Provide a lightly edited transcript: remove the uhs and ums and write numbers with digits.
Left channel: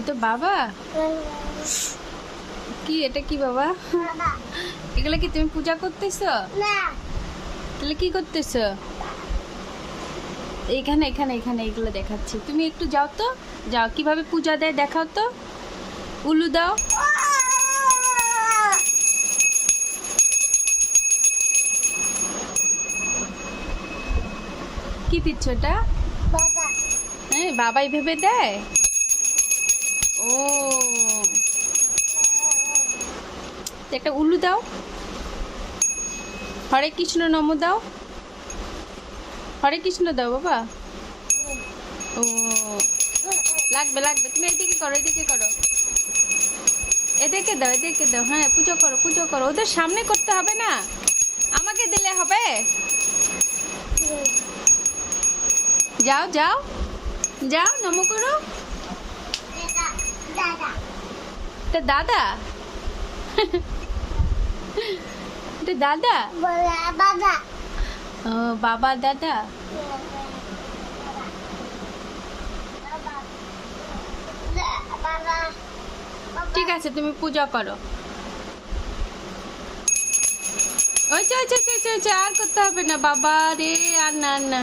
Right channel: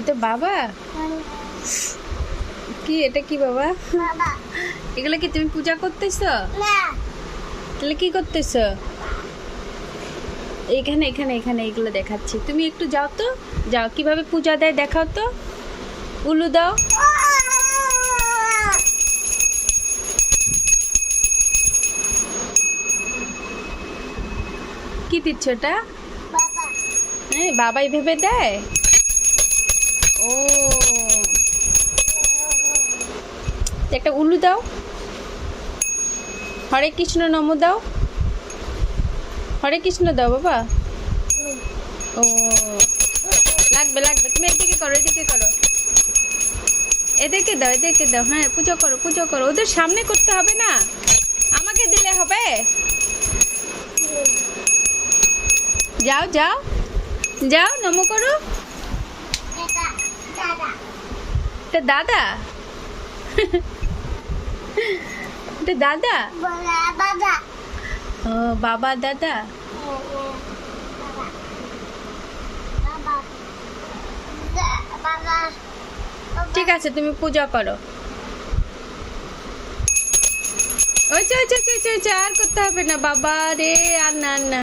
এটা বাবা কি? এটা কি বাবা? এগুলো কি তুমি পূজা করতেছো? তাহলে কি করতেছো? এখানে এখানে এখানে এগুলো দেখাচ্ছি, তুমি একটু যাও তো, যাও কিভাবে পূজা দেয় দেখাও তো, উলু দাও। কি দিচ্ছ এটা? হ্যাঁ বাবাই ভেবে দেয়। ও একটা উলু দাও, হরে কৃষ্ণ নম দাও, হরে কৃষ্ণ দাও বাবা। ও লাগবে লাগবে, তুমি এদিকে করো, এদিকে করো, এদেরকে দাও, এদেরকে দাও। হ্যাঁ পুজো করো, পুজো করো, ওদের সামনে করতে হবে না, আমাকে দিলে হবে। যাও যাও যাও, নম করো। এটা দাদা? এটা দাদা? ও বাবা দাদা। ঠিক আছে তুমি পূজা করো। ওই আর করতে হবে না বাবা রে, আর না না।